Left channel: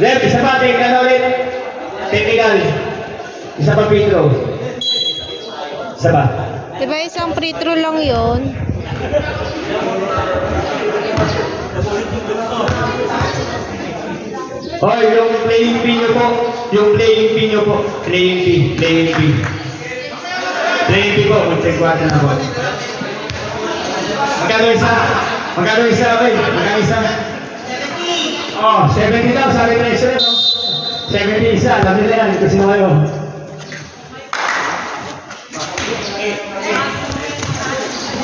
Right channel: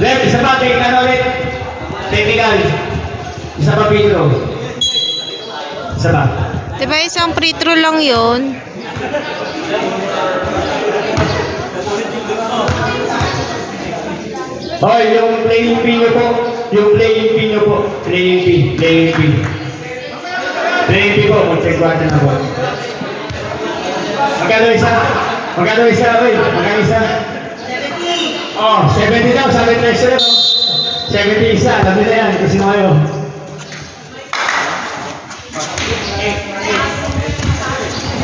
Left, isa pa, tingin ano ulit. Technical. Isa pa free throw. Isa pa. Diba isang free throw lang yun? Hoy, yung playing fee nyo po. Yung playing fee nyo po. Playing fee. Playing fee. Playing fee po. Mag-check-water na po. Magkano isa? Magkano isa? Hoy, magkano isa? Oh, 70 daw. Sabi na isa. 70 isa. Alam nila yan. Kasi mo kayo.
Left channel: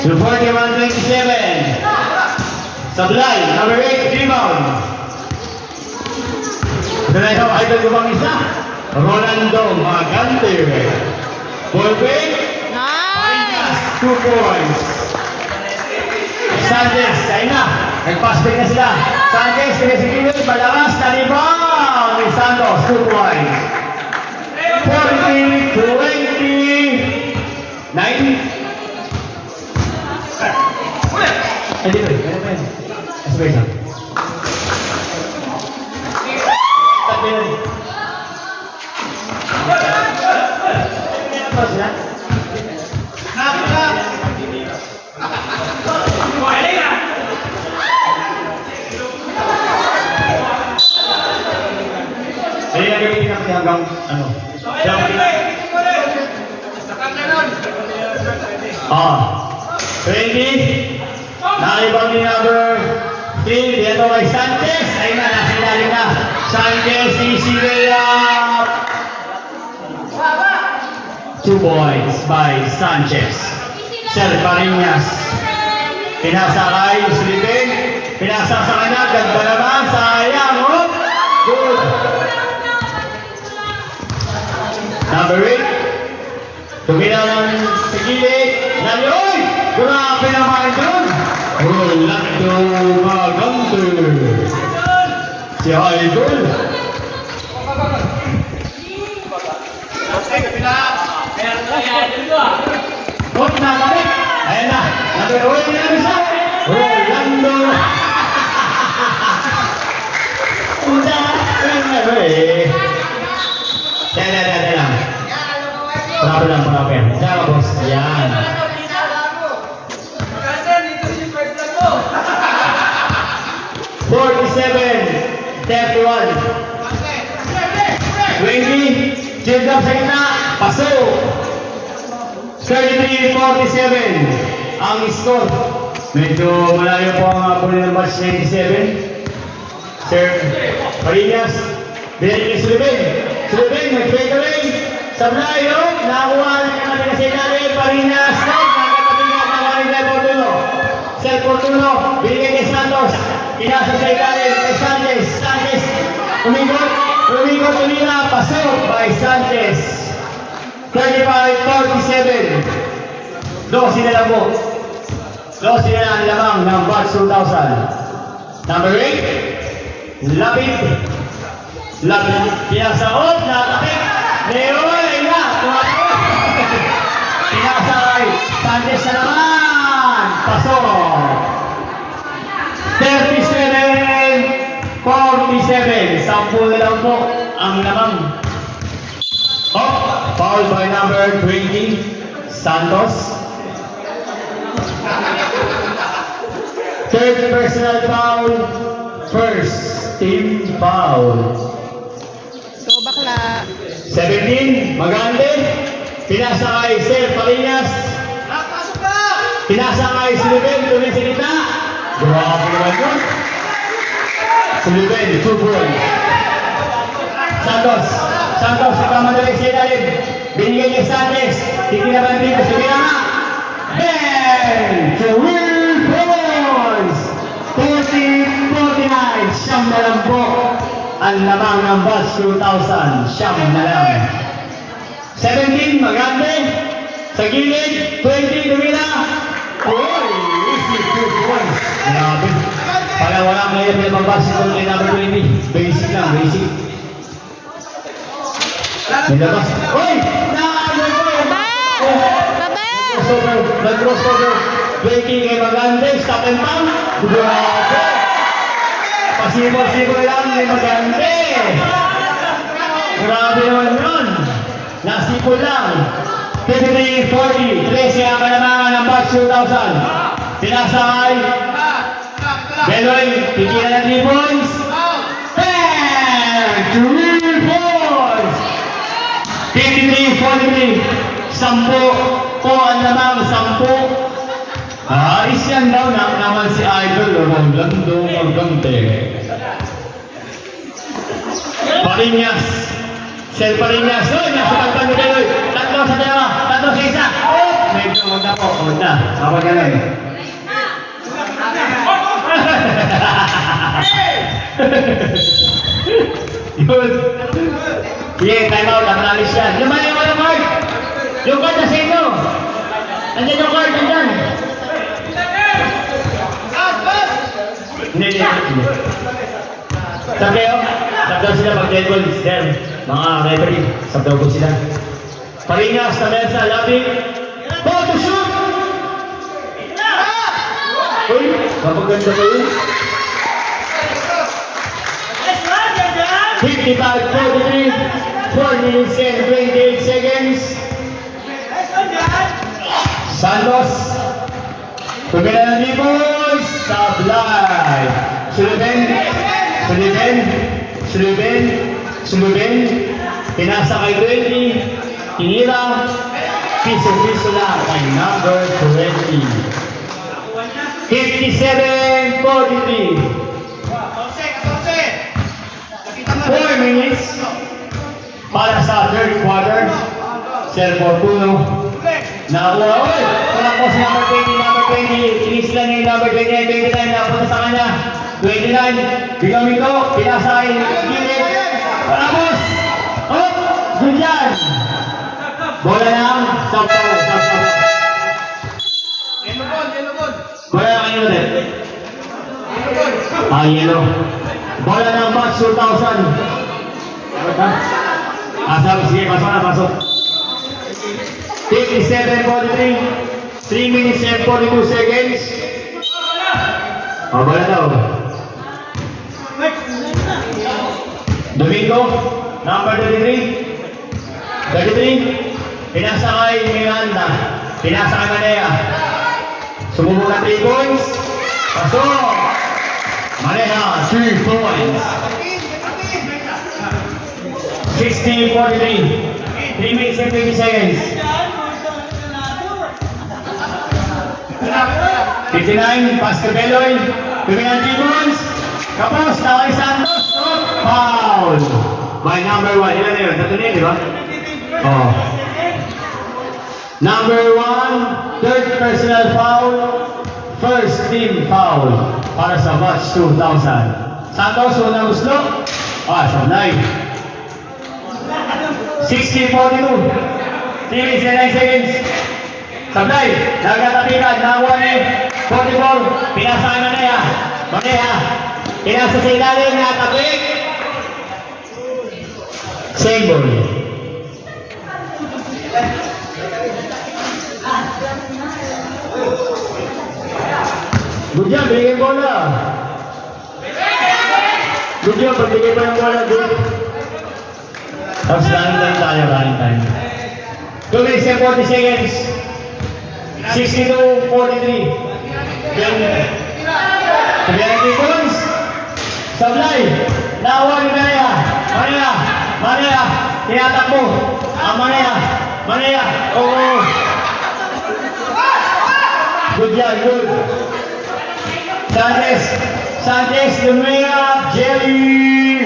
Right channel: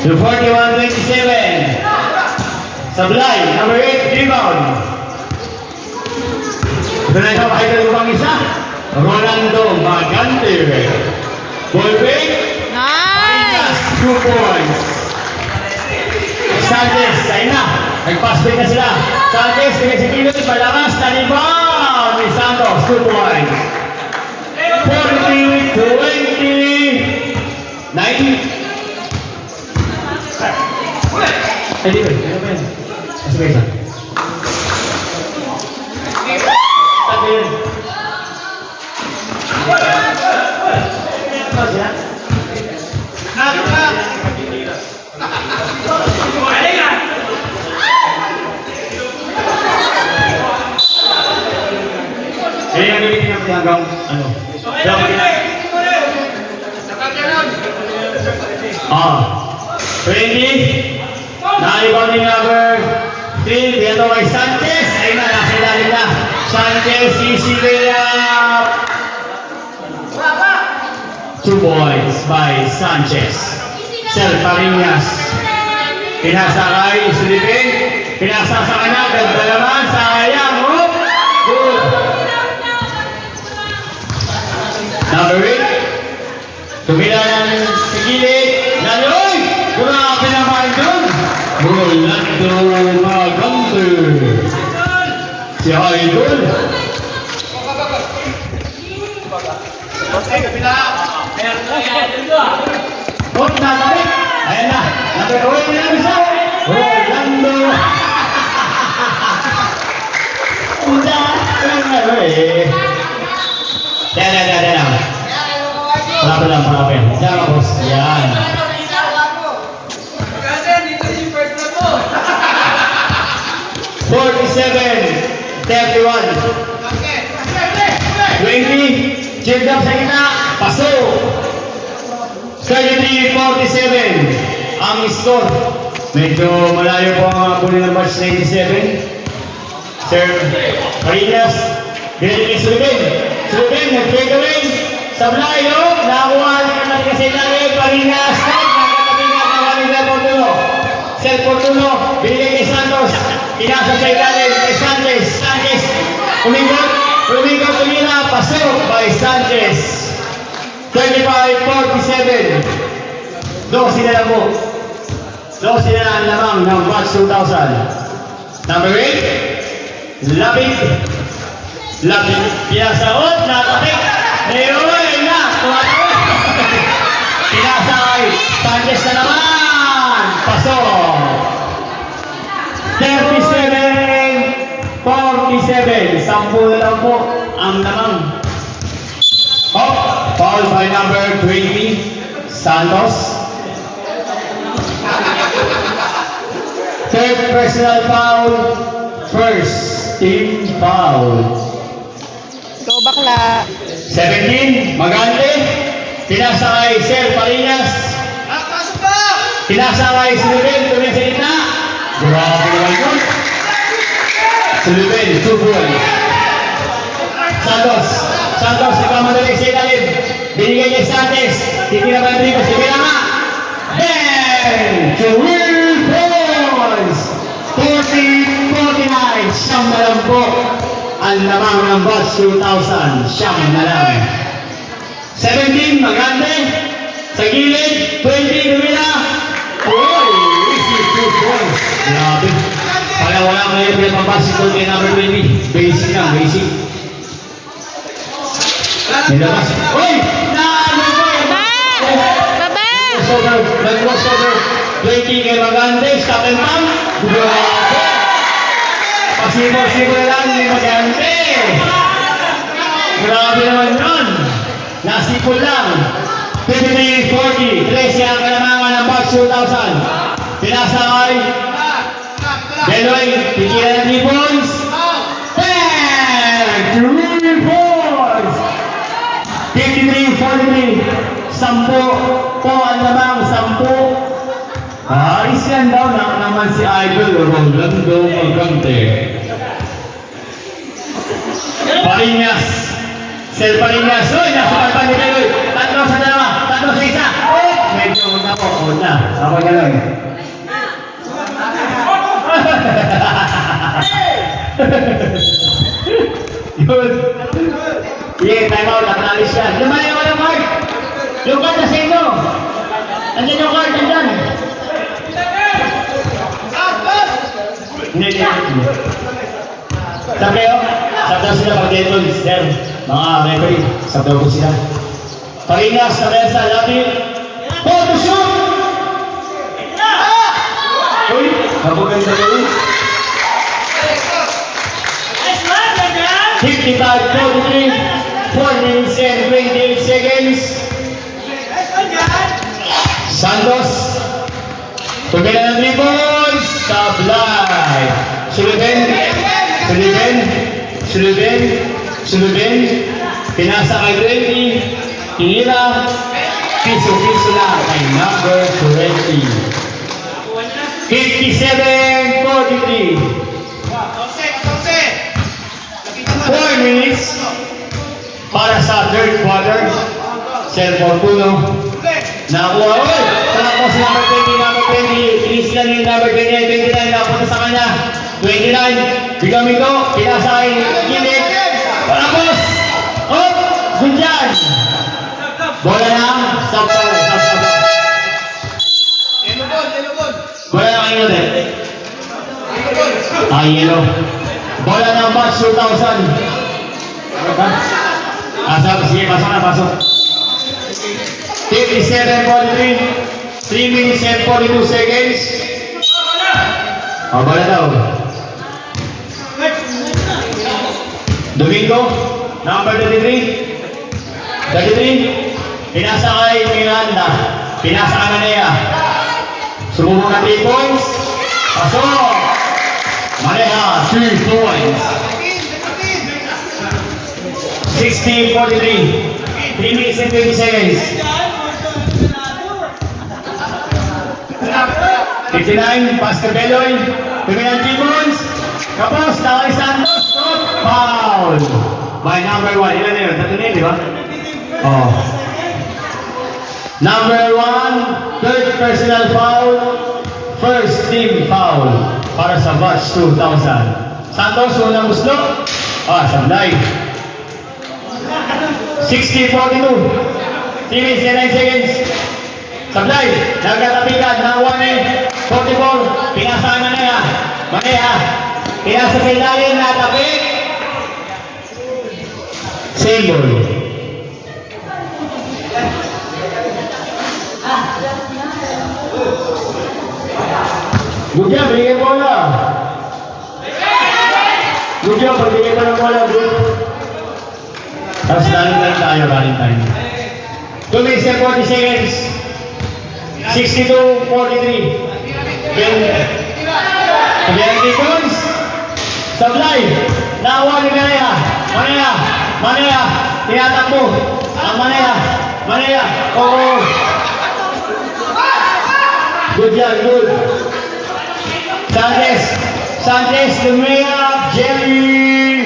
Yung 41-27. Sablay. Number 8. Rebound. Ito na ikaw, idol ko bang isa? Rolando Magante. Ballbreak. Nice! 2 points. Sanchez, ayun na. Nag-pass break na sila. Sanchez, tingin si Kiloy, palakas, na-rebound. Ni Santos, 2 points. 43-20. 90. Hindi ba? Ano ba yun? Kasi ba isa? Tabi yun. Pas ya? Jadi ano yung hanggang ano? Ah, 20. Naibaw ni number 3. Dito kay Sanchez. Ayun na, nasa ilalim na. Sanchez, sisigil up. 2 points by Sanchez. Sel Parinas. Pinasa kay Sulipin. Pinasa sa kanya. Ganda naman. Sayang. Oh. Good. Number 8. Tumila ng sigilid. Naloy! Grabe naman doon. Rolando Magante. Si Idol. Hot na balik. Ayan na. Nag-uwi na bisa. Rolando. Udah. Yan. Parapin lang. Diyan ka, boss. Yan. 47, 31. 20, change up sa gitna, paso. 33-47 ang score. Medyo malayo po ang puli ng match 97. Sir Parinas, binalik ni Sulibin. Sulibin, nag-take away. Sablay, no? Nakuha na naman kasi namin. Parinas, nagkatabi na naman na Portuno. Sir Portuno, binalik ni Santos. Inasa sa ilalim kay Sanchez. Sanchez, Umingot, tumila, pasok by Sanchez. 35-47. 12 na lang po. 12 na ang lamang ng batch 2000. Number 8, Lapid. Pinasaot, nakapit. Leoy, na, tumatawag. Pinasay, Sanchez na naman. Pasok. 37-47. 10 na lang po ang namang. Oh, foul by number 20, Santos. Third personal foul. First team foul. Go bakla. 17, Magante. Pinasa kay Sir Parinas. Pinasa kay Sullivan. Tuloy sa gitna. Grabe naman yun. Sullivan, 2 points. Santos, nagkamadali sa ilalim. Binigay niya Sanchez. Titira ba yung dribbles? Titira nga. And 3 points. 40-49. Siyam na lang po. Ang lamang ng batch 2000. Siyam na lang. 17, Magante. Sa gilid, 20, Lumina. Oh, easy 2 points. Grabe. Para wala ngayon yung basketball kay number 20. Basic lang, basic. Nilabas. Uy! Naano po! Baba! 20 kay Magantes, Captain Pam. Grabe! Pasibol-sibol lang ni Magantes. Grabe naman yun. Nasipol lang. 53-40. 13 ang kalamangan ng batch 2000. Tinasakay. Beloy, pikilan ng 3 points. 3 points! 53-43. 10 po ang lamang, 10. Ayos yan daw naman si Idol Rolando Magante. Parinyas. Sel Parinyas. Uy, nasa pagpang ni Beloy. 3 sa 2, 3 sa 1. Oh! Medyo una po, una. Ako na lang. Yun. Yeah, time out. Acknowledge yan. Yung card. Yung card na sa inyo. Nandiyan yung card. Nandiyan. Hindi. Sableo. Sabdaw sila pag dead balls. Yan. Mga referee. Sabdaw ko sila. Parinas. Kamelsa. Labi. Ball to shoot! Uy. Kapaganda ko yun. 55-43, 4 minutes and 28 seconds. Santos. Pagkala ng 3 points. Sablay. Suluben. Pinasa kay 20. Tinira. Piso lang kay number 20. 57-43. 4 minutes para sa third quarter. Sel Fortuno. Nakuha. Uy! Tapos number 20. Finish lang yung number 29. Napunta sa kanya. 29. Bigaming to. Pinasay. Gilid. Tapos. Oh! Gunjan. Bola lang. Stop. Yellow ball. Bola lang kayo din. Yellow. Bola ng batch 2000. Sige, pasok. 57-43. 3 minutes and 42 seconds. Bola daw. Domingo, number 33. Pinasa kay Miranda. Pinasa ka na Nea. Sumubok na 3 points. Pasok. Maneha, 3 points. 60-43. 3 minutes and 20 seconds. 59, Pastor Beloy. Tumihan 3 points. Kapos, Tawag Santos. Foul. By number 1. Ilan na yun? Tatlo na yun, di ba? Oh. Number 1, third personal foul. First team foul. Para sa batch 2000. Santos, unang gusto. Sablay. 60-42. 3 minutes and 9 seconds. Sablay. Nagkatapikan. Nakuha ni 44. Pinasa na Maneha. Pinasa sa ilalim na tapik. Same ball. Good job, bigay bola. Good job, bigay mo ng bola. Tapos running time. 2 minutes and 40 seconds. 62-43. Sabihan 3 points. Sablay. Nakuha ni Maneha. Tinatakbo. Maneha. Oo. Good job, good. Sanchez, Lumea, Jelly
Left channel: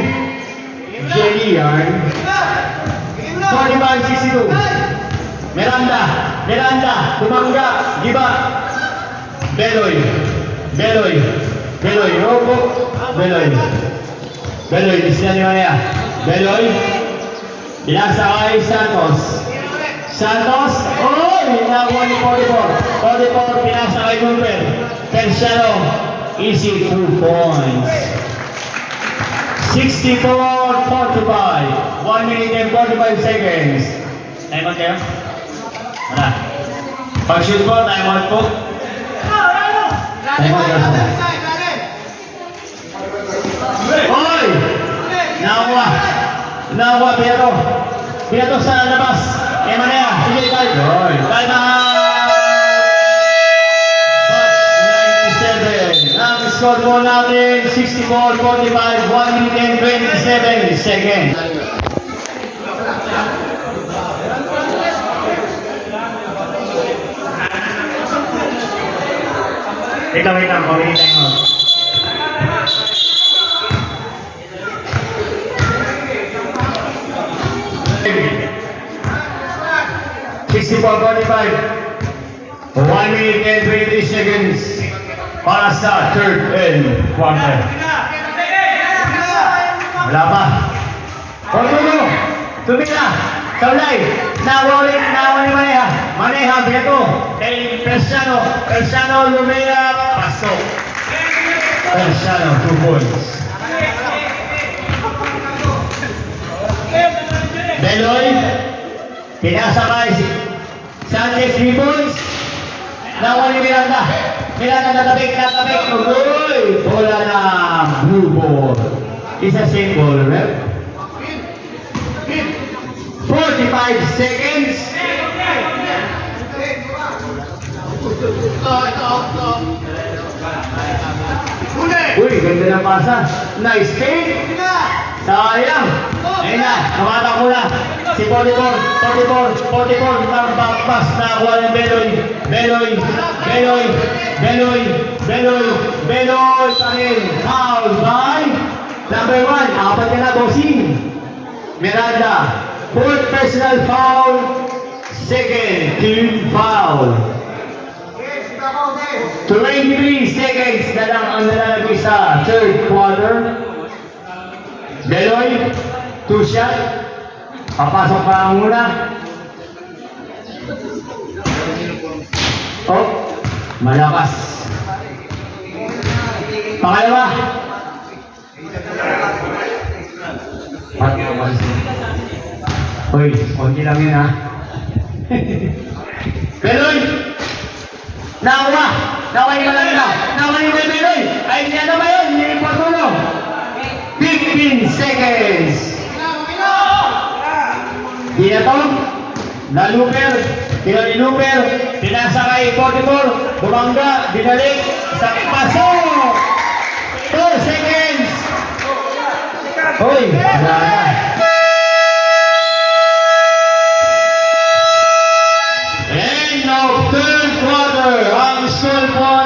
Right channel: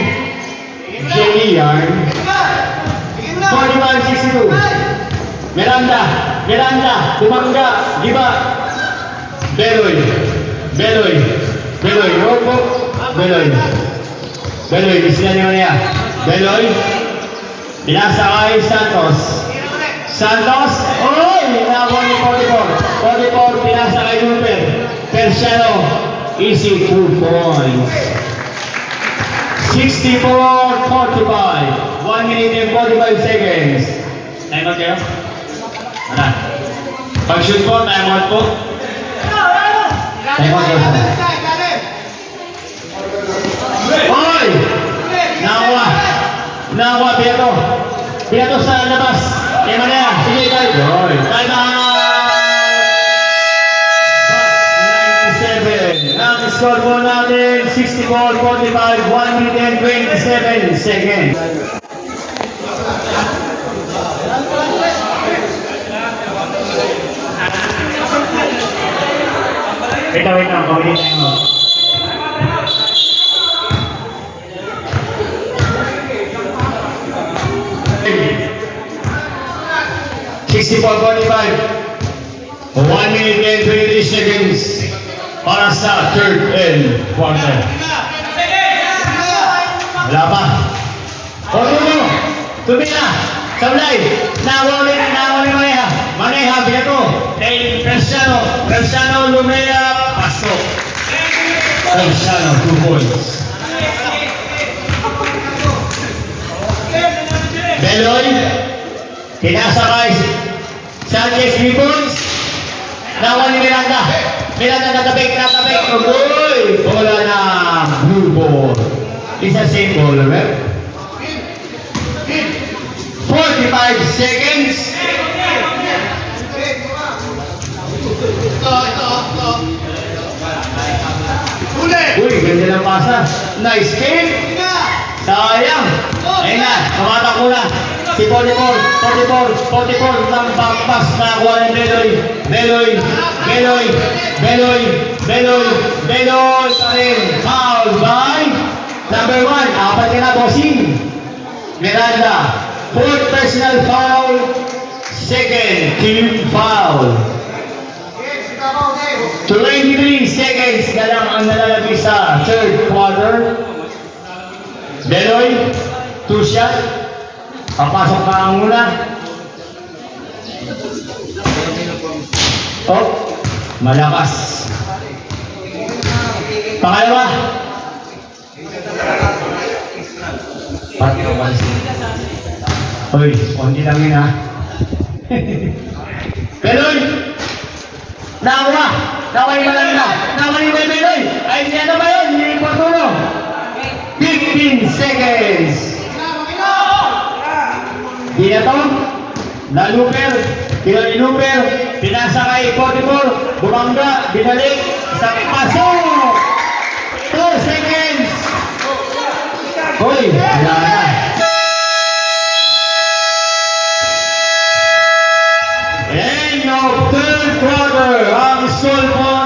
yarn. 45-62. Miranda, Tumanga, Giba. Beloy, Robo, Beloy, disila ni Maneha. Beloy, pinasa kay Santos, nakuha ni 44, pinasa kay Jumper. Terciano, easy 2 points. 64-45, 1 minute and 45 seconds. Time out kayo? Pag-shoot po, time out po. Time out, Hoy! Nakuha! Nakuha, Beto! Beto sa labas! Kaya Manea! Sige, tayo! Hoy! Time out! Box 97. Ang score po natin, 64-45, 1 minute and 27 seconds. Wait lang, kumili tayo mo. $64.45. 1 minute and 23 seconds para sa third and quarter. Wala pa. Tumo! Tumila! Sablay! Nawa ni Maneha! Maneha, Beto! Cristiano, Lumea, pasok! Cristiano, 2 points. Beloy, pinasakay Sanchez, 3 points. Nawa ni Miranda. Miranda natabik. Uy! Bola na blue ball. Isa same ball, right? 45 seconds. Uy, ganda ng pasa. Nice kick. Sayang. Ayun na, kamatak mo na. Si 44, pass na kuha ng Beloy pa rin. Foul by number 1. Apat ka na, bossing. Miranda, 4th personal foul, 2nd team foul. 23 seconds na lang ang nalalagay sa third quarter. Beloy, 2 shot. Papasok pa ang muna. Oh, malakas. Pangalawa. Pati ang malis. Hoy, konti lang yun ha. Beloy! Nawa ni Malanda! Nawa ni Beloy! Ay, hindi na ba yun? Hindi yung patulo. 15 seconds. Binatong. Naluper. Pinaliluper. Pinasakay 44. Bumangga. Binalik. Sakit pasok. 2 seconds. Hoy, wala na. End of third quarter. Ang score po